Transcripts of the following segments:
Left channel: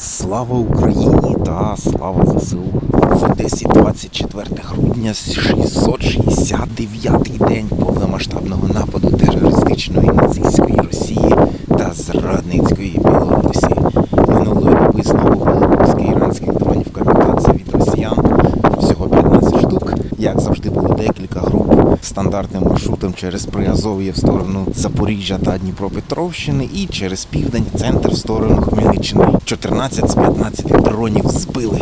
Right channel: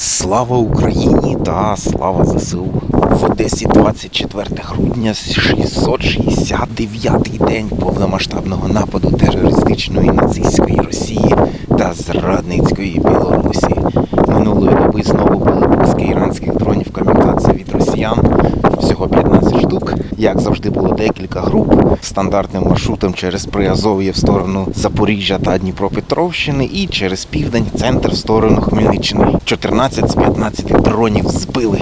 Слава Україні та слава ЗСУ. В Одесі 24 грудня, 669-й день повномасштабного нападу терористичної нацистської Росії та зрадницької Білорусі. Минулої доби знову були пуски іранських дронів камікадзе від росіян. Всього 15 штук. Як завжди, було декілька груп стандартним маршрутом через Приазов'я в сторону Запоріжжя та Дніпропетровщини і через південь центр в сторону Хмельниччини. 14 з 15 дронів збили.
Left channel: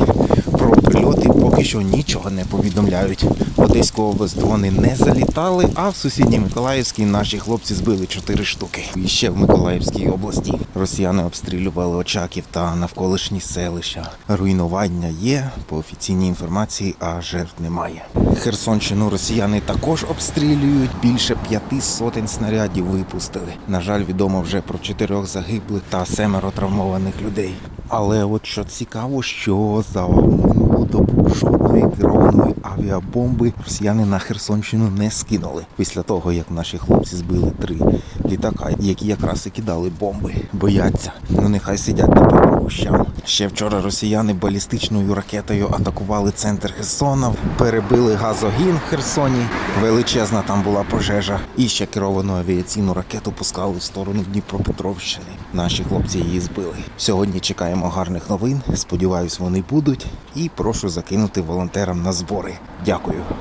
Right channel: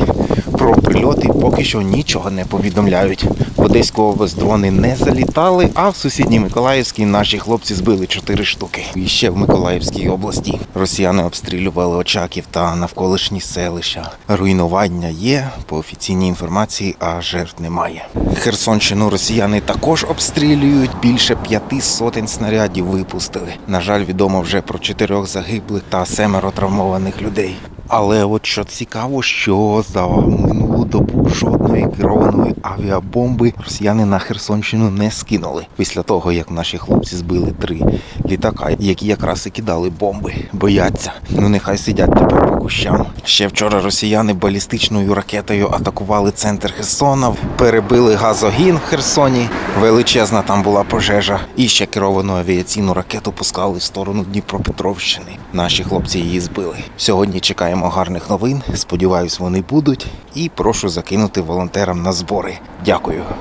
Про прильоти поки що нічого не повідомляють. В Одеську область дрони не залітали, а в сусідній Миколаївській наші хлопці збили 4 штуки. І ще в Миколаївській області росіяни обстрілювали Очаків та навколишні селища. Руйнування є по офіційній інформації, а жертв немає. Херсонщину росіяни також обстрілюють. Більше п'яти сотень снарядів випустили. На жаль, відомо вже про чотирьох загиблих та семеро травмованих людей. Але от що цікаво, що за минулу добу жодної керованої авіабомби росіяни на Херсонщину не скинули після того, як наші хлопці збили три літака, які якраз і кидали бомби. Бояться. Ну нехай сидять тепер по кущам. Ще вчора росіяни балістичною ракетою атакували центр Херсона, перебили газогін в Херсоні. Величезна там була пожежа. І ще керовану авіаційну ракету пускали в сторону Дніпропетровщини. Наші хлопці її збили. Сьогодні чекаємо гарних новин. Сподіваюсь, вони будуть. І прошу закинути волонтерам на збори. Дякую.